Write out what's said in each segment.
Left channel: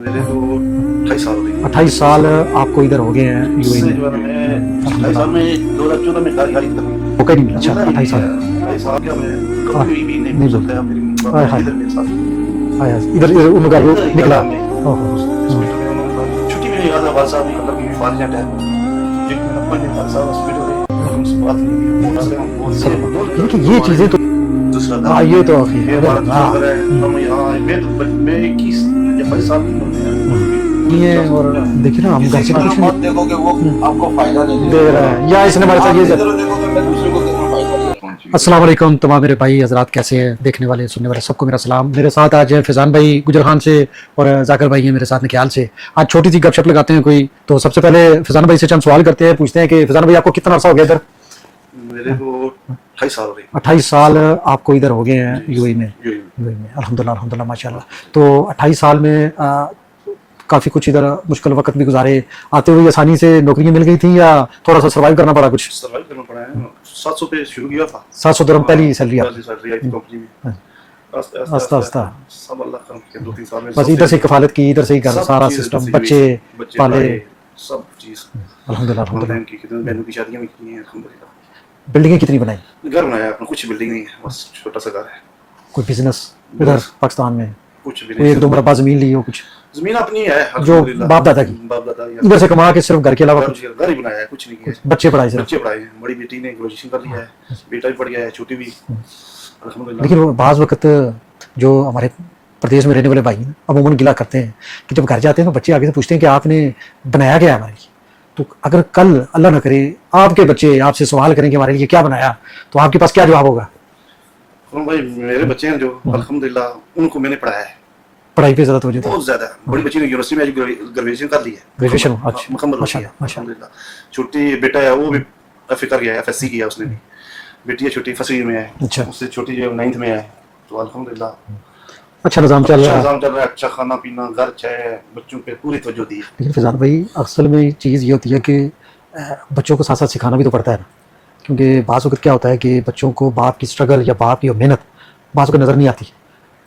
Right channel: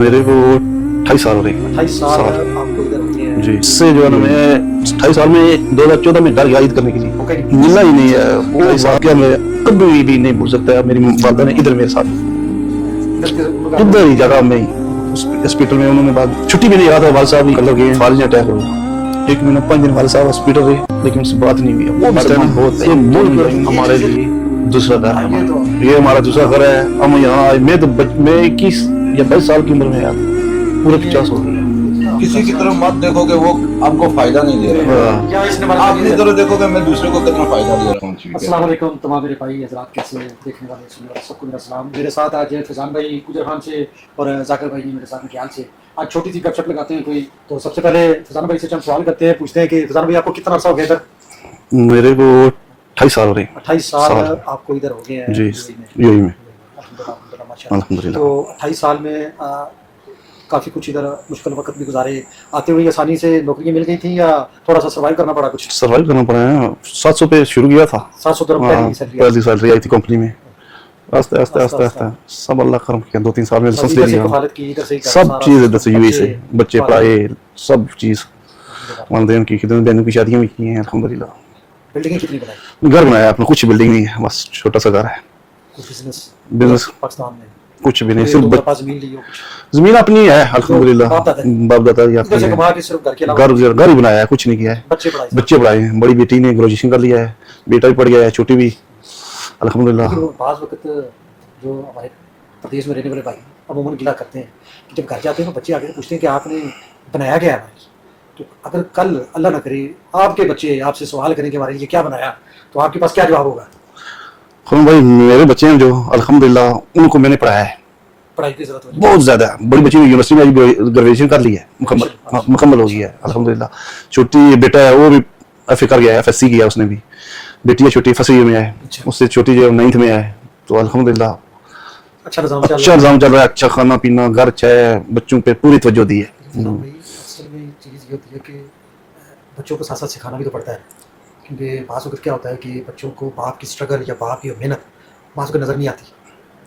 मेरे को 28 साल हो रहे हैं। 28 साल आपको इधर हो गए हैं जी, इससे जो है ना मैं 28 साल में 2014 में डर गया ईद करने के लिए, मौका नहीं मिला ही नहीं है। वो वाकया मैं कभी भी नहीं भूल सकता है। मेरी वालदा ने इधर मेरे साथ आया इधर इधर ही जगह में हॉस्पिटल में उन्होंने बाद छुट्टी भी नहीं याद है। वाल साहब भी कलर गए, फालिज अटैक हो गया। 1 महीना 5 दिन वाल साहब हॉस्पिटल रहे, लेकिन उससे बात नहीं हुई। वो मुसलमान बहुत ये चीजें तो दूसरा था। ये हमारा दूसरा घर है। हम यहाँ मैं 21 या 22 साल की उम्र में आया पूरे 50 साल। देखिए ना, किसी की तरफ मत देखोगे, वो आपको फायदा नहीं दे रहा। या इसने मेरे आप साथ इस तरह देखोगे, मैं दूसरे को कितना फायदा दे रहा हूँ। अस्सलाम वालेकुम तमाम मेरे भाई हजरात, कैसे हैं देखने वाले सुनने वाले सबको मेरा सलाम। मेरे साथ आज फैजान भाई गुजर खान से और जाकिर भाई हैं मेरे साथ निकाल से। आज छोटी सी गपशप लगाते हैं कोई। तो सबसे पहले फैजान भाई से चंद सवाल करते हैं, पूछते हैं कि फैजान भाई आपको कितना अरसा हो गया इधर? मेरे को 28 साल हो रहे हैं। 28 साल आपको इधर हो गए हैं जी, यूएई में? यूएई में। अल्हम्दुलिल्लाह अल्हम्दुलिल्लाह माशाल्लाह। अल्हम्दुलिल्लाह। तो 28 साल में काफ़ी कुछ इधर मुश्किल वक्त भी गुजारे, आते हुए आसानी से नौकरियां मिल गई थी या थोड़ा सा सर्वाइव करना पड़ा? कुछ सर्वाइव करना पड़ा है। 700 पे शुरू किया था। 700 dirham पहली सैलरी पहली सैलरी आई थी कंपनी में। आस्ते आस्ते आस्ते आस्ते सब अल्लाह करम किया। 2-3 साल में इधर से कफालत की, इधर से ही सब चीज इधर से यूएई से बच्चे पढ़ाए, सब चीज अल्हम्दुलिल्लाह। वालिदैन की खिदमत, बहनों की शादियां भी की हैं अल्हम्दुलिल्लाह। बिल्डिंगें कितनी बनाई? घर बनाया अपना, कुछ बिल्डिंग नहीं है, बस छोटा सा घर है। कोई बिजनेस बिजनेस पाकिस्तान में? कुछ भी नहीं, एक सिर्फ दो मरबा जमीन ली हो? कुछ जमीन अपनी है अल्हम्दुलिल्लाह। बाप दादा की? बाप दादा की इधर से कमा के सिर्फ घर के अलावा घर ही बनाया है, कुछ नहीं किया है। बच्चे पढ़ाए? बच्चे पढ़ाए हैं। बड़ी बेटी ने ग्रेजुएशन कर लिया है, बेटा भी पढ़ गया है, छोटी भी अल्हम्दुलिल्लाह। लेकिन बाज़ वक्त जो हमारे प्रदेश में रहने वाले भाई अमूमन गिला करते हैं कि जब घर जाते हैं तो बच्चे आगे से पूछते हैं कि आपने बनाया क्या है हमारे लिए। तो अगर कल अल्लाह ना करे आपके बच्चे आपसे सवाल करें कि हमारे लिए क्या बनाया, तो आपके पास क्या जवाब होगा? हम भाई मेरे बच्चे हैं जो अल्हम्दुलिल्लाह, उनको मैंने पढ़ाया है। पढ़ाई पे ज़्यादा तवज्जो? बहुत ज्यादा। बड़ी बच्ची ने यूनिवर्सिटी में ग्रेजुएशन कर ली है, ग्रेजुएशन मुकम्मल हो गया है अल्हम्दुलिल्लाह। छोटी बेटा है, वो भी एफए कर गया है, एफएससी किया उसने भी। बेटी है छोटी, फर्स्ट ईयर में है। अच्छा। उससे छोटी जो 9th में है। तो अल्हम्दुलिल्लाह अच्छा निज़ाम अच्छा निज़ाम चल रहा है। अच्छा खाना पीना, घर अच्छा है, बच्चों पे पूरी तवज्जो दी है। लेकिन फैजान भाई असल में चीज़ ये होती है कि बच्चों को साथ साथ सिखाना भी तो पड़ता है, क्योंकि बाज़ वक्त क्या होता है कि बच्चों को बाप की स्ट्रगल या बाप की मेहनत बाज़ वक्त नज़र नहीं आती,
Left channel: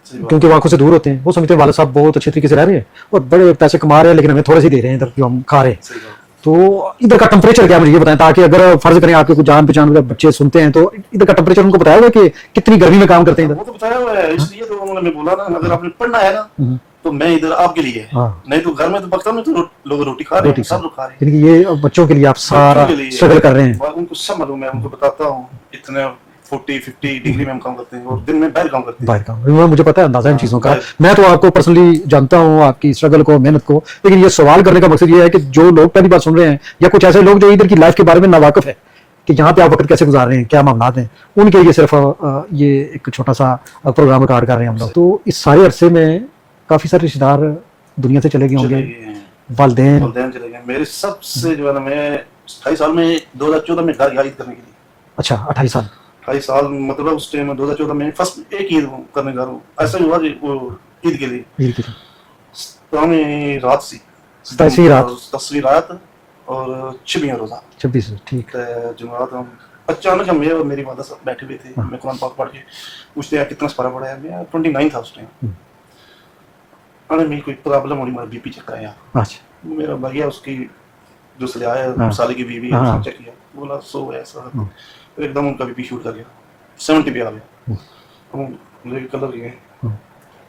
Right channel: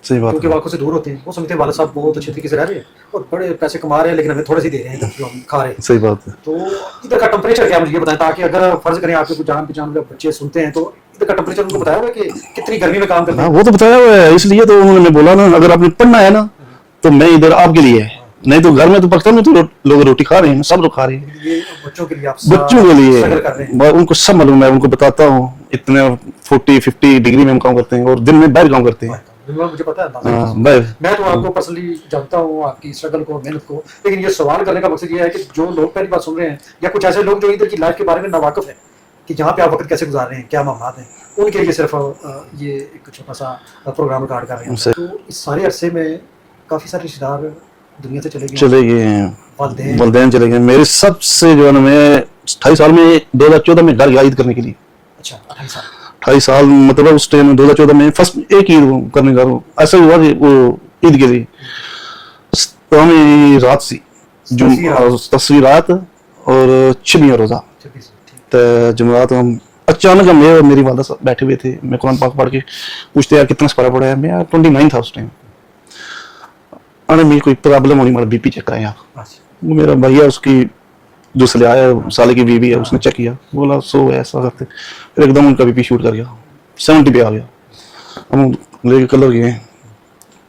सही बात। क्योंकि वो आंखों से दूर होते हैं। वो समझते हैं वाले साहब बहुत अच्छे तरीके से रह रहे हैं और बड़े पैसे कमा रहे हैं, लेकिन हमें थोड़े से दे रहे हैं इधर जो हम खा रहे हैं। सही बात है। तो इधर का टेम्परेचर क्या, मुझे ये बताएं, ताकि अगर फर्ज करें आपके कुछ जान पहचान वाले बच्चे सुनते हैं तो इधर का टेम्परेचर उनको बताया हुआ है कि कितनी गर्मी में काम करते हैं? वो तो बताया हुआ है, इसलिए तो उन्होंने बोला ना, अगर आपने पढ़ना है ना तो मैं इधर आपके लिए है। हाँ। नहीं तो घर में तो पाकिस्तान में तो लोग रोटी खा रहे हैं, सब लोग खा रहे हैं। यानी कि ये बच्चों के लिए आप बच्चों के लिए स्ट्रगल कर रहे हैं। उनको सब मालूम है, उनको बताता हूँ। इतने 40-50 डिग्री में हम काम करते हैं और दिन में बाहर काम करते हैं। बाहर का मुझे पता है, अंदाजा इन हाँ, चीज़ों का। बाहर। मैं तो आपको पर्सनली जानता हूँ, आपकी स्ट्रगल को, मेहनत को। लेकिन ये सवाल करने का मकसद ये है कि जो लोग पहली बार सुन रहे हैं या कुछ ऐसे लोग जो इधर की लाइफ के बारे में नावाकिफ है कि यहाँ पे आप वक्त कैसे गुजार रहे हैं, क्या मामलात हैं, उनके लिए सिर्फ ये एक छोटा सा प्रोग्राम रिकॉर्ड कर रहे हैं हम लोग। तो इस सारे अरसे में काफ़ी सारे रिश्तेदार दुनिया से चले चले गए, गए हैं, वालिदैन चले गए। मेरे सबसे जो है ना, मैं 28 साल में 2014 में डर गया ईद करने के लिए। अच्छा 28 साल 28 साल मतलब उस टाइम 2014 में फर्स्ट एक ईद करने का ऐसा हुआ कि वो ईद के लिए ईद की? तो हमें रात सी 10वीं रात और 6वां रोजा 26 ठीक। तो जुमेरात हम अचानक मैं और मेरी वालदा साहब बैठे हुए थे। मैं कुरान पाक पढ़ के पूछते यार कितना सपारा पड़ा है। मैं यार 29 था उस टाइम। अरे मेरी कोई प्रॉब्लम होनी, मेरा बीपी चेक कराया। अच्छा वो मेरा भैया उसकी जो ले आया, हाँ। साले की बीवी है, हाँ। उसने चेक किया, बोला 100 है ऐसा करते। फिर एकदम उनका बीपी शूट कर गया, 70 पे आ गया। हम लेके कलर गए,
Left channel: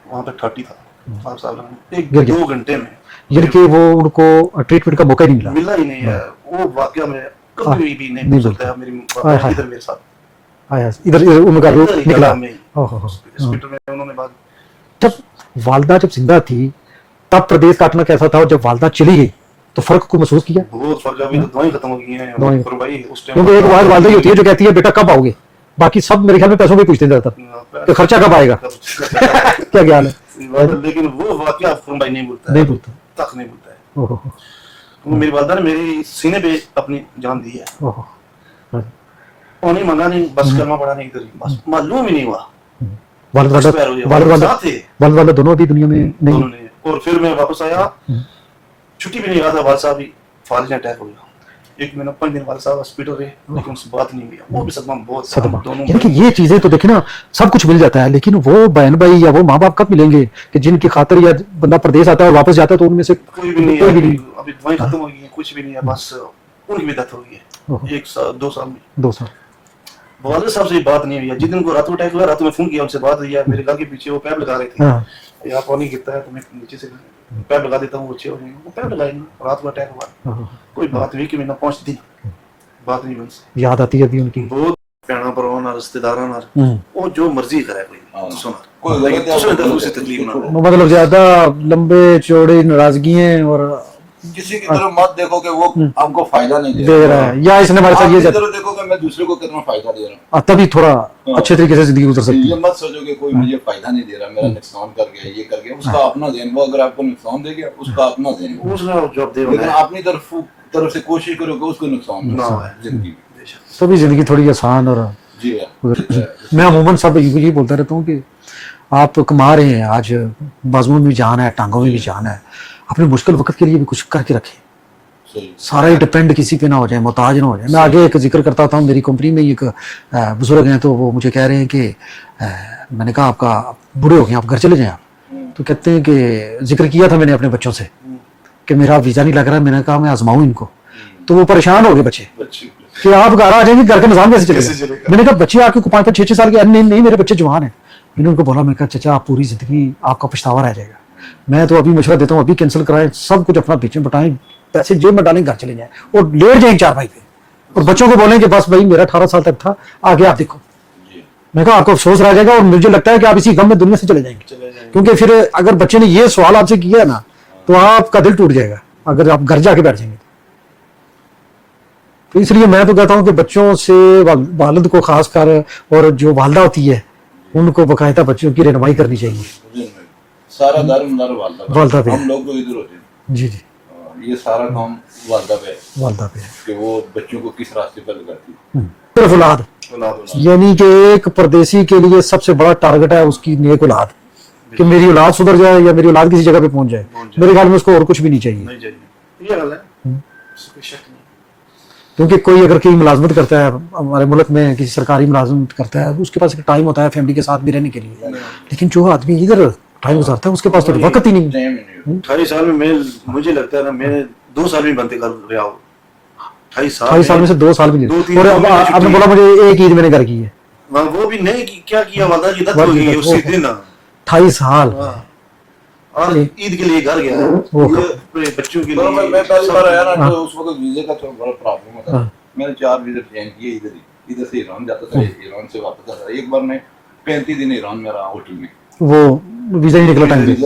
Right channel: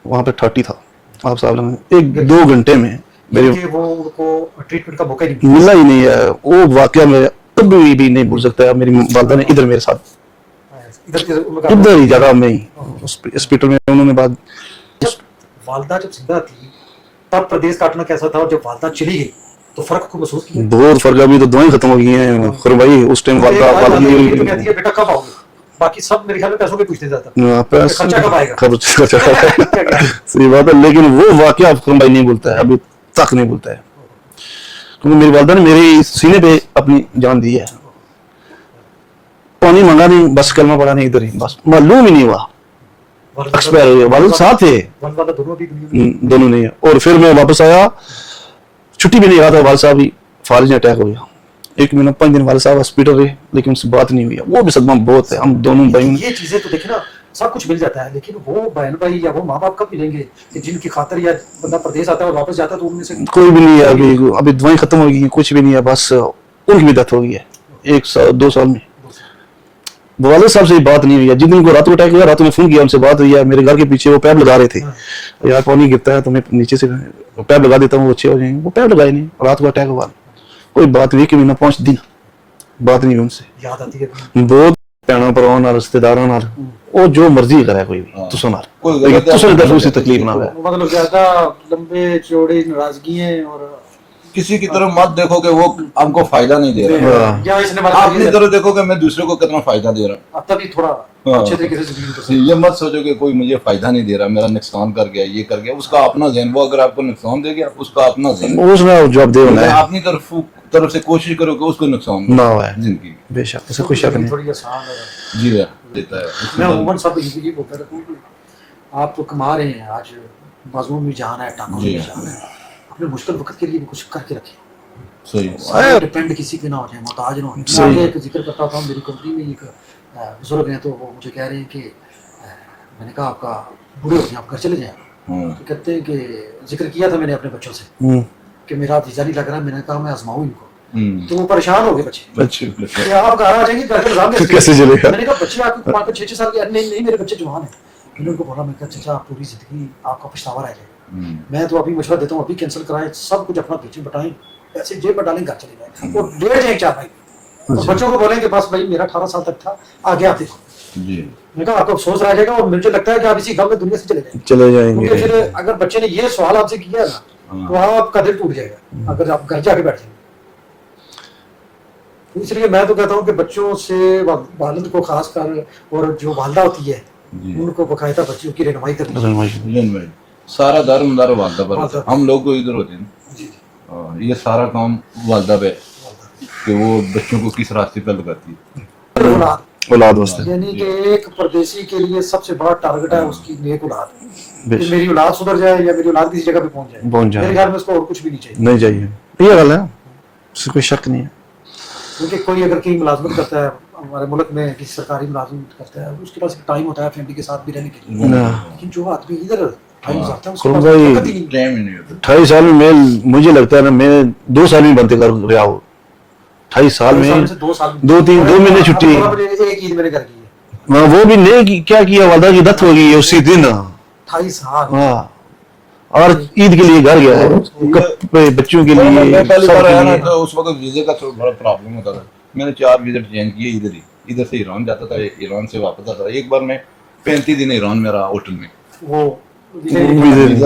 वहाँ पे 30 था। आप साहब ने 1-2 घंटे में लेकिन वो उनको ट्रीटमेंट का मौका ही नहीं मिला ही नहीं है। वो वाकया में कभी भी नहीं भूल सकता है। मेरी वालदा ने इधर मेरे साथ आया इधर उनका इधर ही जगह में ही ओहो। हॉस्पिटल में उन्होंने बाद जब वालदा जब जिंदा थी तब प्रदेश काटना कैसा था, और जब वालदा चली गई तो फर्क को महसूस किया? बहुत फर्क। अभी तो दवाई खत्म हो गई है पर भाई उस टाइम वालदा होती है जो कहती है बेटा कब आओगे, बाकी सब मेरे ख्याल में पैसों पे पूछते हैं तो खर्चा कब आएगा? क्या ज्ञान है? सही बात है। लेकिन वो वाकया फरम भाई नहीं बोलता है, अभी तक नहीं बोलता है, ओहो, क्योंकि मेरी वालदा ने मेरे सीने पे अपनी जान दी है। ओहो। पानी मांगा नहीं, बस कलमा पड़ा नहीं, इधर ही बस मालूम ही नहीं हुआ। वालदा साथ थे, वालदा दोनों अभी दुनिया में दोनों नहीं है। और फिर मैं वापस आया, छुट्टी भी नहीं रहा था, वाल साहब भी फालिज अटैक हो गया। 1 महीना 5 दिन वाले साहब हॉस्पिटल रहे, लेकिन उनसे बात नहीं हुई। वो भी सदमा बहुत है, हम दोनों यानी कि भाई। ये चीजें तो देखे ना, सब कुछ मिल जाता है, लेकिन वो बहन भाई या वो माँ बाप कब मिलेंगे कि जिनकी खातिर या बंदा प्रदेश आता है और वापस जाता है तो उनमें से कोई भी नहीं है अभी दवाई खत्म हो गई है, कुछ भी नहीं है, बस उनकी भी डेथ हो गई है 2 साल में। 2 साल। वाले साहब से बात नहीं हुई है। जिस दिन को रात को अटैक हुआ, रात में फोन किया, उनसे बात हुई है। मेरे घर के पीछे वो पैप लगा रहे थे, हाँ। यार पानी गिरता है तो मैं नीचे से पैप लगा देता हूँ, वो अच्छे हो जाएंगे। वो पैप लगाए नहीं, रात को अटैक हुआ, कोई बात हुई कि महीना 5 दिन बात नहीं हुई उनसे। याद आती है अभी उनकी। बहुत भैन भरावां नाल, रिश्तेदारां नाल, वो जो मर्जी करे कोई भी, तुसों नाल तुसों दी तरफ से तकलीफ ना है। मतलब ज्यादा लंबे चौड़े नाराजगियां और किसी की तरफ मत देखो कि वो हमको फायदा नहीं दे रहा, या इसने हमारे आप साथ अपनी ये तरफ देखो कि मैं दूसरे को कितना फायदा दे रहा तभी थोड़ा अच्छे तरीके से जिंदगी गुजर हूँ। सकती ये मत सोचो कि कोई मुझे फायदा नहीं दे रहा, मेरा नुकसान कर गया, ये कर गया। उसका अपना ज़हन, वो अगर आपको नुकसान दे गया, उसका अपना ज़हन। उसमें जवाब दे होना है अपनी तरफ से कोशिश करो कि उसको नुकसान ना हो जिंदगी। बेशक। है, तो भी जिंदगी थोड़ी आसान और जी है। मैं अमूमन सब ये बोलता रहता हूँ कि आप कमा रहे हैं, आज बाजुओं में भी जान है, टांगों में भी जान है, अपने मुश्किल वक्त के लिए भी कुछ करके रखें। सही। सारे डिपेंड किसी पे ना हो जाए, मोहताज ना हो जाए। मैं आगे एक जिक्र करता था, मेरी कंपनी में एक बुजुर्ग हैं, तो वो मुझे कह रहे हैं कि मैंने कहा आपका बूढ़े हो गए, आप घर चले जाएं आप। तो कहते हैं कि जिक्र किया था मैंने अपने बच्चों से कि मेरा वीजा नहीं लग रहा, मैंने कहा मैं आजमाऊं इनको। तो वो परेशान हो गए बच्चे कि आप घर आ जाएंगे, घर का निजाम कैसे चलेगा। मैंने कहा बच्चे आपके 5-5, 6-6 साल के, नहीं मेरे बच्चे जवान हैं। मैंने उनको बोला, मैं कहा चाचा आप पूरी जिंदगी आपका पछतावा रह जाएगा, मैं तो अभी मशवरा देता हूँ अभी कैंसिल कराएं, सब कुछ अपना पीछे बटाएं, पैसे जेब में डालें, घर चले जाएं और लेट जाएं 4 पे, और बच्चों को बोलें कि बस भाई मेरा 18 साल तक था, आगे आप देखो। मैं कहा आपको अफसोस रह जाएगा और मुझे लगता है कि आप इसी गम में दुनिया से चले जाएंगे। क्योंकि फिर अगर बच्चे ने ये सवाल आपसे किया ना तो आपका दिल टूट जाएगा अगर आप घर जाके बैठ जाएंगे। तो इसलिए मैं तो कहता हूँ कि बच्चों से वालिद को खास कर, और जो वालदा होती है उनको बकायदा बच्चों की रहनुमाई करनी चाहिए। सारा दारोमदार वालदा पे, हम लोग को इधर होते हैं। जी जी, ये सारा काम वालदा पे कि वो बच्चों को किस रास्ते पे लगाती है। औलाद यानी कि एक परदेसी के लिए सबसे बड़ा टारगेट है उसकी नेक औलाद, कि मेरी औलाद सुधर जाए या मेरी औलाद किसी जगह पे पहुंच जाए। मेरे ख्याल में उसको और कुछ भी नहीं चाहिए। ये गल है, इससे कोई शक नहीं है। क्योंकि कोई अगर कोई मुलाजमत करता है हमारे मुल्क में, किसी सरकारी मुलाजमत करता है, तो उसके पास एक टाइम होता है फैमिली के साथ भी रहने के लिए, लेकिन जो आदमी इधर टाइम गुजारता है उसके पास वक्त ही नहीं। 28 साल में मुझे लगता है ना, मैं 2 साल में बनते कर रहा हूँ। 28 साल में से 2 साल में 2-3 महीने छुट्टी बोला, मुझे एक ईद मैंने घर की है। हाँ, वो भी नहीं क्या किया, वालदा की डेथ हो गई है उसी दिन। 28 साल। हाँ, और ईद के लिए घर गया है, बच्चों के लिए। मैं पहली बार आया ना तो उस वक्त वीजे का थोड़ा प्रॉब्लम होता था। मैंने 4 वीजे चेंज किए इधर ही, इधर से ईरान जाता था, ईरान से वापस आता था। एक बार मैं 35 दिन ईरान में रहा होटल में, वो वीजा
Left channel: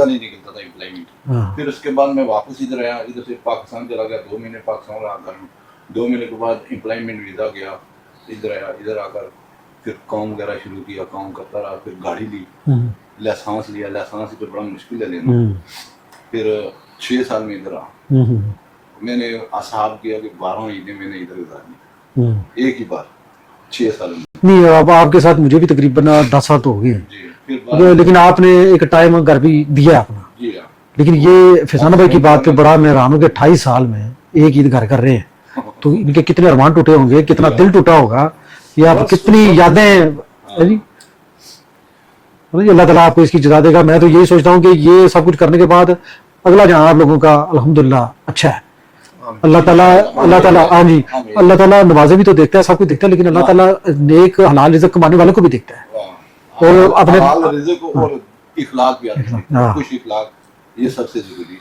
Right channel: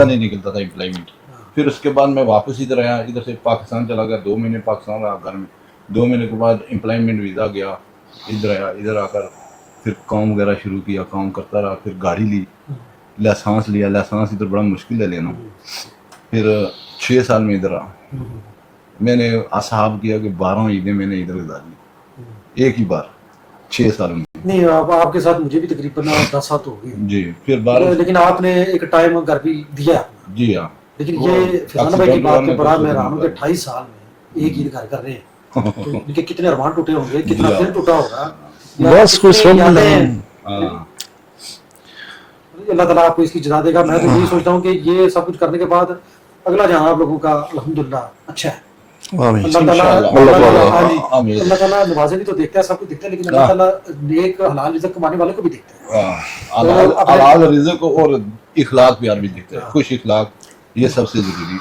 नहीं निकलता था एम्प्लॉयमेंट। फिर उसके बाद मैं वापस इधर आया, इधर से पाकिस्तान चला गया, 2 महीने पाकिस्तान रहा घर में। 2 महीने के बाद एम्प्लॉयमेंट वीजा गया, इधर आया, इधर आकर फिर काम वगैरह शुरू किया, काम करता रहा। फिर गाड़ी ली, लाइसेंस लिया, लाइसेंस इधर बड़ा मुश्किल है लेना। फिर 6 साल में इधर रहा। मैंने असाब किया कि 12 ईदें मैंने इधर गुजारी, एक ही बार 6 साल में। नहीं, अब आपके साथ मुझे भी तकरीबन 10 साल तो हो गए जी। फिर लेकिन आपने एक टाइम घर भी दिया अपना। जी हाँ। लेकिन ये फैजान भाई की बात पे बड़ा मैं हैरान हूँ कि 28 साल में एक ईद घर कर रहे हैं, तो इनके कितने अरमान टूटे होंगे, कितना दिल टूटा होगा, या कितनी यादें। अल्लाह ताला आपको इसकी जज़ा देगा। मैं तो ये सोचता हूँ कि ये सब कुछ करने के बाद अगला जहाँ आप लोगों का अल्हम्दुलिल्लाह अच्छा है। अल्लाह ताला नवाजे भी तो देखता है, सब कुछ देखता है, लेकिन अल्लाह ताला नेक हलाल रिज़्क़ कमाने वालों को भी देखता है, और अपने रिज़्क़ और इखलाक भी आदमी देखता है। खुश इखलाक, ये सबसे जरूरी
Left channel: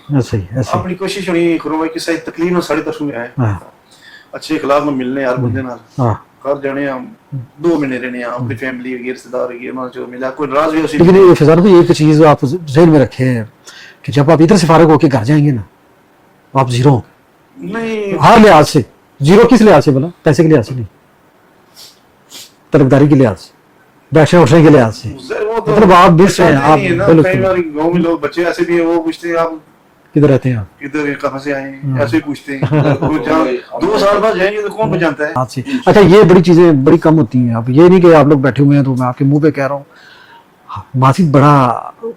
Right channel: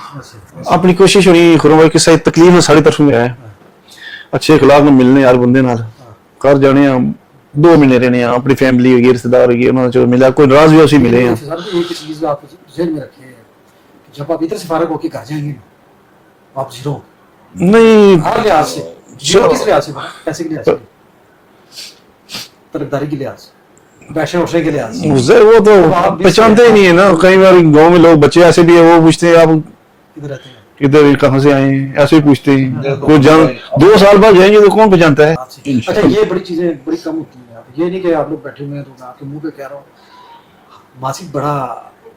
है। अपनी कोशिश होनी खुरम भाई की सही तकलीफ में सारी तरफ में है, अच्छे इखलाक में मिलने यार बंदे नाल कर जाने, 2 महीने रहने, अपनी फैमिली होगी, रिश्तेदार होगी, उन्होंने जो मिला कोई नाराज भी उसी मिले। फैजान भाई एक चीज आप ज़हन में रखें कि जब आप इधर से फारिग होकर घर जाएंगे ना, आप जीरो नहीं, हर लिहाज से जीरो। किस लिहाज से बोला? पैसे के लिहाज से नहीं, तरफदारी के लिहाज से, बैठने उठने के लिहाज से। वो तो आप पहचानते नहीं है ना। कई बार गाँव में लोग बच्चे ऐसे भी है, वो पूछते हैं आप किधर रहते हैं, किधर कहाँ से आए, ऐसे ही पूछते हैं। 2 साल बाद जाएंगे तो कौन पहचानता है। अच्छा, ये बड़ी चीजें बड़ी कम होती हैं। अब ये नहीं कि आप लोग बैठे हुए हैं तो मैं आपके मुंह पे कह रहा हूँ, माजी बड़ा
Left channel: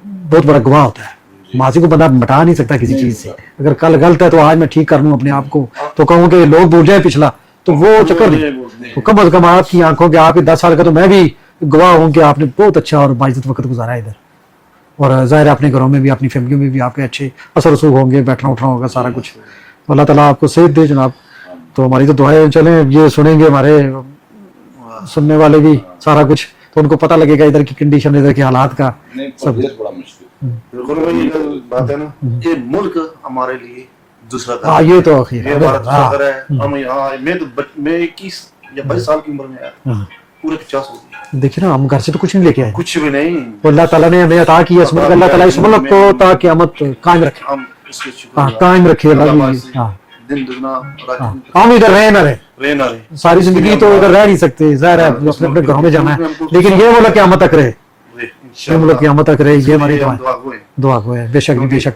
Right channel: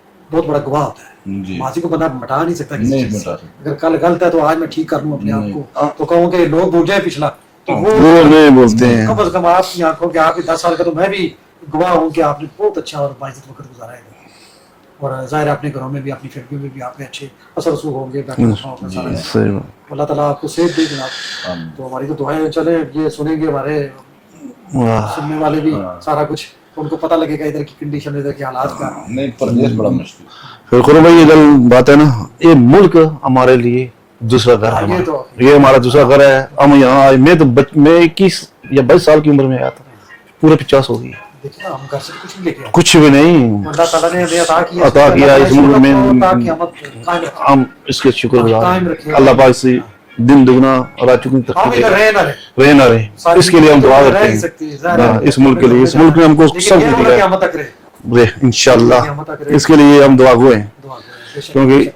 बहुत बड़ा गवाह होता है, जी। माजी को बंदा मिटा नहीं सकता किसी नहीं चीज से। मिटा। अगर कल गलत है तो आज मैं ठीक कर लूं अपने आप को, तो कहूँ कि लोग भूल जाए पिछला, तो वो वो नहीं बोलते हैं। कम से कम आपकी आंखों के, आपके 10 साल का तो मैं भी गवाह हूँ कि आपने बहुत अच्छा और बाइज्जत वक्त गुजारा है इधर। और जाहिर है अपने घरों में भी, अपनी फैमिली में भी आपके अच्छे असर रसूख होंगे, बैठना उठना होगा सारा कुछ। सही बात। तो अल्लाह ताला आपको सेहत दे जनाब। तो हमारी तो दुआएं, चले ये सुनेंगे हमारे वाह। सुनने वाले भी सारा कुछ, तो उनको पता लगेगा इधर की कंडीशन, इधर के हालात का। नहीं, परदेश बड़ा मुश्किल। फिर खुरो भाई ये गल बात है ना, ये मुल्क हमारे लिए दूसरा घर हाँ, है। ये तो आखिर ये हमारा दूसरा घर है। हम यहाँ आए, मैं तो मैं 21 या 22 साल की उम्र में आया था, पूरे 50 हो गई, देखिए ना, हम घर से तो कुछ नहीं लेके आए, कुछ भी नहीं। तो अल्लाह ताला ने हमें अता किया, अता अल्लाह ताला इस किया, मुल्क को में- ताकि क़यामत कायम रखे। हम इसके शुक्र हाँ, कायम रखे अल्लाह पाक से हाँ। दिन दुगना रात चुगनी तक हम इधर रहे ना रहे, रहे ना रहे, सारी इसके लिए जिंदगी हम तो दुआ उधर रह करते नहीं हैं। सकते, जाहिर है हाँ, इस अपने मुल्क के घरों लिए, में इस जाना मुल्क में है। हमको लेकिन सब ये मिला वाला है। क़यामत तक रहे, रे इंशाल्लाह क़यामत तक रहे, इसके लिए हम दुआ गो हैं। दुआ को है, बेशक क्योंकि बेशक।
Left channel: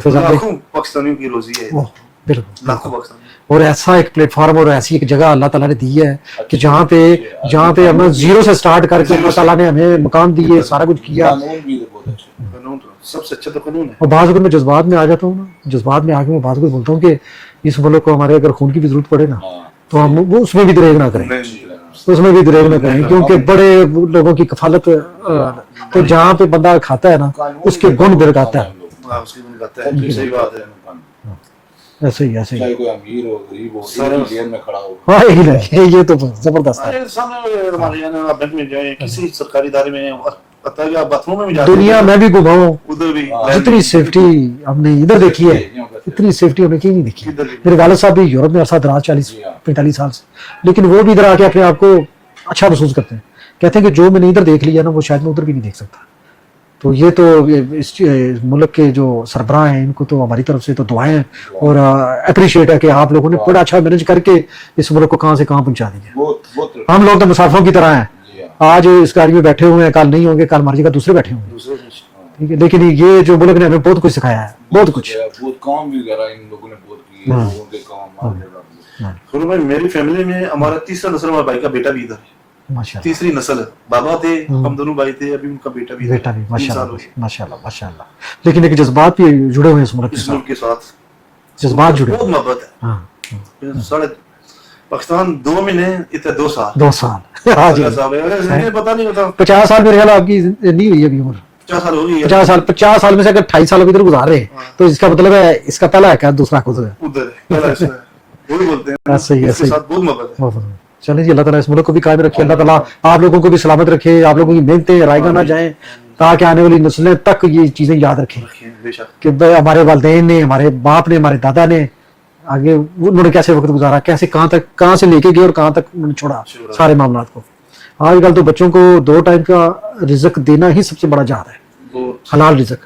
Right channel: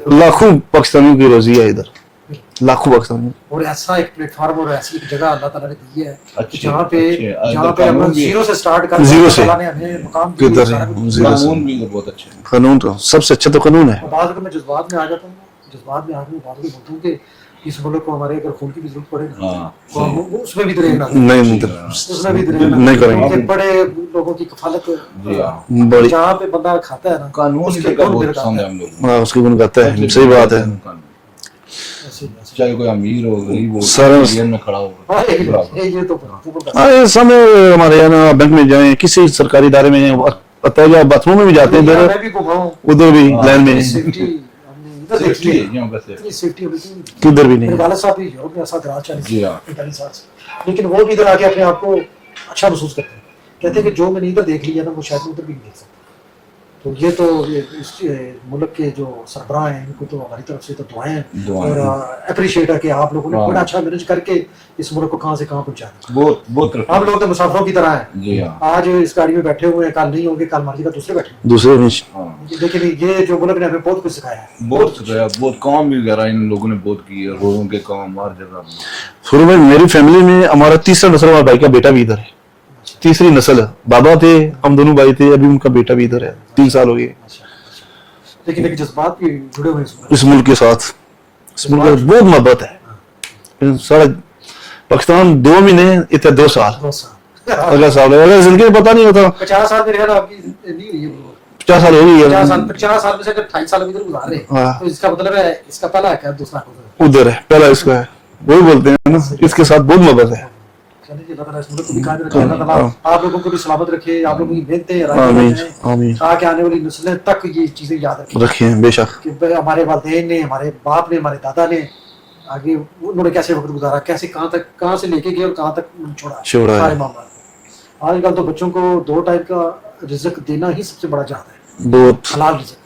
फिर लाखों पाकिस्तानियों की रोजी है इधर, बिल्कुल। लाखों पाकिस्तानी। और ऐसा एक प्लेटफॉर्म और ऐसी एक जगह अल्लाह ताला ने दी है कि अच्छे, जहाँ अच्छे, पे हम जीरो से स्टार्ट कर, जीरो अल्लाह से। ताला ने हमें मकान दिए, किधर सारा कुछ है? किया। कानून भी इधर बहुत अच्छे हैं। कानून तो सबसे अच्छा तो कानून है। और बात अगर मैं जज्बात में आ जाता हूँ ना, जज्बात में आके मैं बात को बोलता हूँ कि इस मुल्क को हमारे अगर खून की भी जरूरत पड़े ना, हाँ, तो हम वो उसमें भी दरेग ना करें, नहीं उसमें भी दरेग ना नहीं करें, करेंगे। क्योंकि बड़े लोगों की कफालत बड़ी। जहाँ पे बंदा खाता है ना, कानून उसके भी गुण बहुत दर पसंद आता है है। हम लोगों को। हाँ, उसकी गुण गाता है, सही बात है। ऐसे ही ऐसे ही। चाहे कोई अमीर हो, गरीब हो, सर- जेल में खड़ा हो। हाँ, ये तो जबरदस्त है। हाँ, समय हमारे यहाँ ना बैंक में जाए, किसी सरकारी इदारे में, या बाथरूम में भी जाते दुनिया हैं, में भी घुमाऊं, उधर भी लाइन इतनी में, सेफ्टी हमने इधर देखी है, यहाँ पे से- इतनी सेफ्टी होने की नहीं देखी। किधर भी मेरे नहीं। वालिद साहब भी यूरोप में अरसा दराज 40 जी हाँ। 45 साल से, लेकिन वो भी इधर आके अपने आप को अच्छा महसूस करते हैं, कहते हैं कि जो मैंने इधर देख लिया ना, वो शायद मैं उधर भी नहीं देख सकता। तो ये तो इस मुल्क के जो सरबराह हैं, इनको तो हमारी तरफ से तो दुआएं हैं दुआएं और अप्रिशिएट है कि आप लोगों ने बड़ा अच्छा मैनेज करके इस मुल्क को कहाँ से कहाँ पहुंचा दिया। बहुत बहुत तरक्की। हम लोग तो मुसाफिरों की तरह हैं, जी हाँ, आज इस गाड़ी में बैठे हुए हैं, कल नहीं होंगे, कल हमारी जगह दूसरे बैठे होंगे, दूसरे नहीं। हाँ। ठीक है? लेकिन ये जो मुल्क ने हमें बहुत कुछ सिखाया है, बहुत कुछ। है, बहुत काम भी वगैरह इन लोगों ने बहुत किए, लोगों के काम हर जगह। शुरू में मेरी फैमिली में हमारा तीसरा नस्ल, हमारे भाई का बेटा भी इधर है, माशाल्लाह, तीसरी नस्ल है। बाबा थे, हम दोनों भाई थे, अभी उनका बेटा भी इधर है, 3 साल हो गए माशाल्लाह माशाल्लाह। लेकिन एक जज्बात भी जुड़े हुए हैं इस मुल्क इस मुल्क के साथ। जज्बात जुड़े बहुत मोहब्बत है। हाँ, सारा पाकिस्तान 2 महीने, इतने 2 साल 2 साल। अगला साल है। अगर जिंदगी में पता नहीं होता, 50 साल मेरे ख्याल है आपकी नहीं हुई अभी उम्र, 50 साल हो गई है। 50 साल में से अगर 28 साल इधर गुजार रहे हैं, हाँ। तो इसका मतलब है इसका पहला है क्या, दूसरा खुद है। उधर है, पहला इसका है, वही बोलते हैं ना, सही है, इसके सही। साथ बहुत मोहब्बत है। चलिए जी, अल्लाह ताला इस मुल्क को भी कायम रखे, अल्लाह ताला आप लोगों को भी सलामत रखे, आप लोगों की मेहनतें रायगा ना आमीन, जाए, आमीन। ताकि आने वाली नस्लें तक ये चीजें याद रखें रखे हैं बेशक। कि भाई हमारे वालिदैन ने, हमारे बाप ने, हमारे दादा ने आगे उन्होंने कैसे वक्त गुजारा, कैसे कहाँ से लेके गए और कहाँ तक उन्होंने छोड़ा छोड़ा। सारे मामलात को। आजकल तो बच्चों को 2 टाइम का रिज्क देना ही सबसे बड़ा जहाद है, बहुत हलाल रिज्क।